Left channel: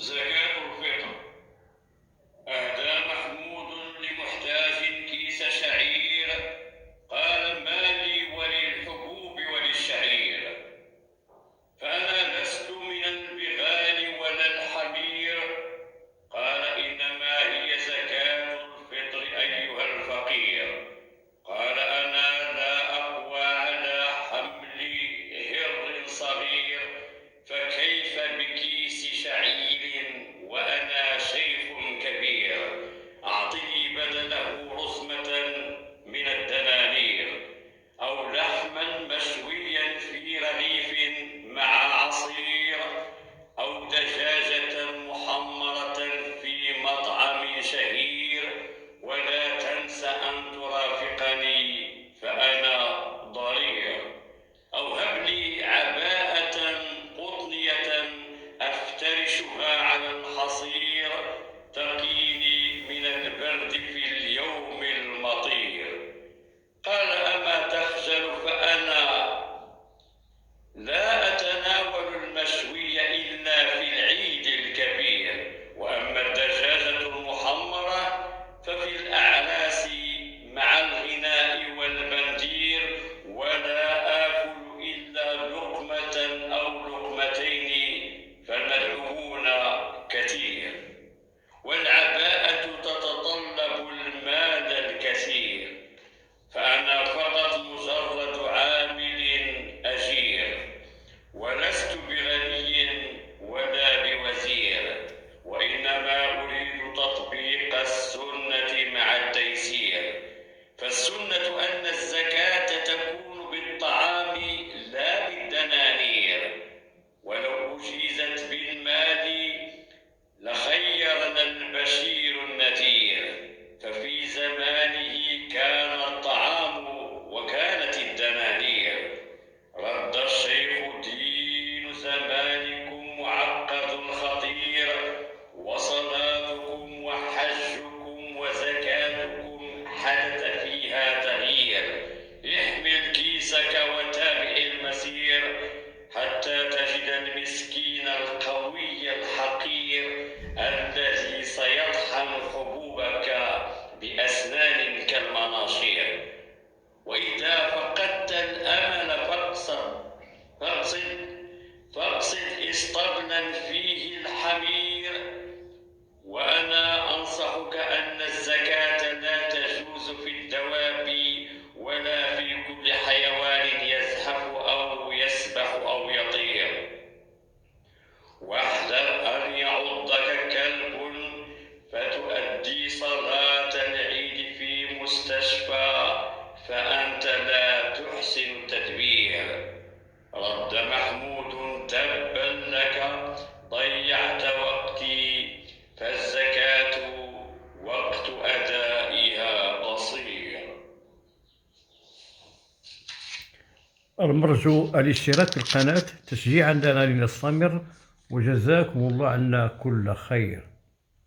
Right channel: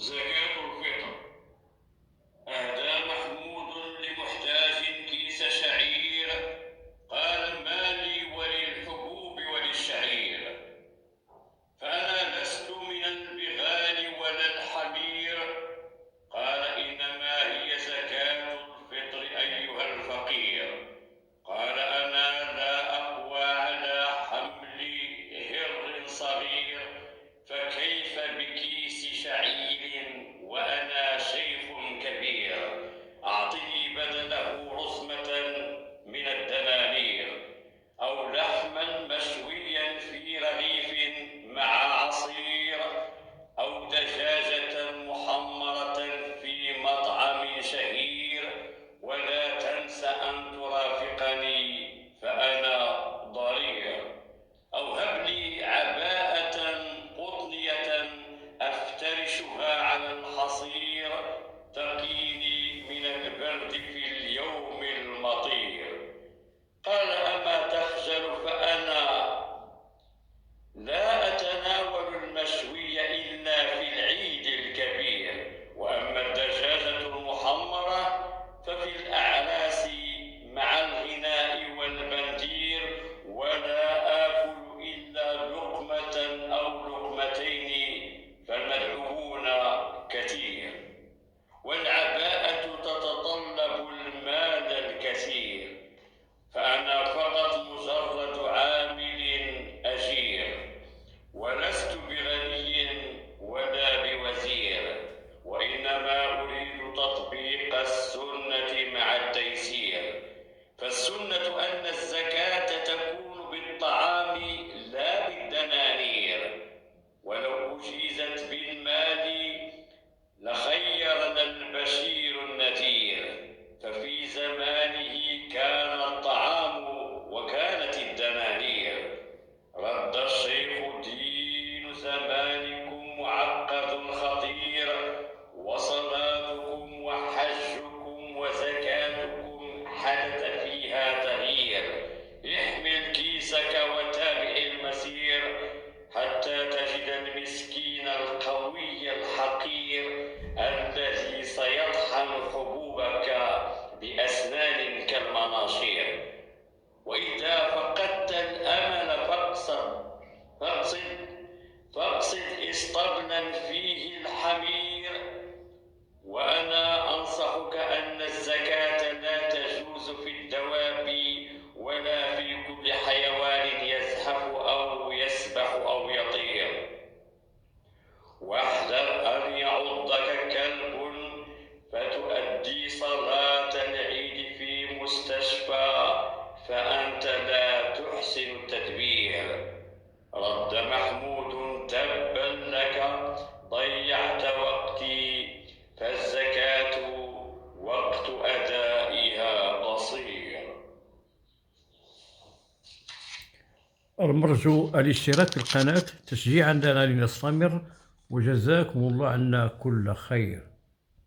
زكاة الفطر. أهدى محمود لمحتاج كيس شعير، قال ما لي وللحبوب وللشعير، فأنا لست من البغال ولا الحمير. قال إنما هي زكاة الفطر أيها الفقير. قال أنا لا أقوى على حمل هر صغير، فكيف بكيس شعير وأنا شيخ كبير؟ أعطني بدله رزمة من الدنانير، أو لحما مشويا في رغيف مع عصير، أو دجاجة محمرة في مطعم شهير، ولا تنس أن ترافقني فأنا ضرير. أو هب لي عباءة قطنية أفترشها على الحصير، تقيني من البرد في اليوم المطير. قال أما تخجل؟ فأنا لا أتناول المشوي إلا في العيد الكبير، وأما الدجاجة المحمرة ففي الأعراس مع الغناء والبندير، ولا آكل إلا لقمة أو لقمتين، فالمدعوون كثير. والعباءة تتطلب المال الكثير، فأنا فقط مجرد عامل أجير، ولست بغني ولا بوزير، وإنما أريد تطبيق السنة مع التيسير. فالسنة أن الزكاة تكون بالطعام لا بالدنانير، ولو أجيزت بالمال لخيرنا البشير النذير، ففي زمانه كان الطعام وكانت الدنانير. رد الشيخ دين زمانكم معقد خطير، وصلاتكم وحجكم وزكاتكم حدث فيها تغيير. احمل كيسك وتابع المسير، حتى تجد المسكين القوي الحقير الذي سيطحن حبوبك بأسنان كالمناشير. وإذا فقدت الأمل فاقصد اسطبلا فيه الحمير. وأنا أنصحك أن الزكاة لا تجوز في الدواب ولا في كل حيوان يزحف أو يسبح أو يطير. واحذر أن يعضك كلب فتؤدي صلاة العيد في مستشفى، فأنت لا تحسن التدبير. رد محمود تبا لك، ضيعت وقتي، فالزكاة وقت أدائها قصير. المرجو الاشتراك في القناة تشجيعا لنا لنستمر، وجزاكم الله عنا كل خير.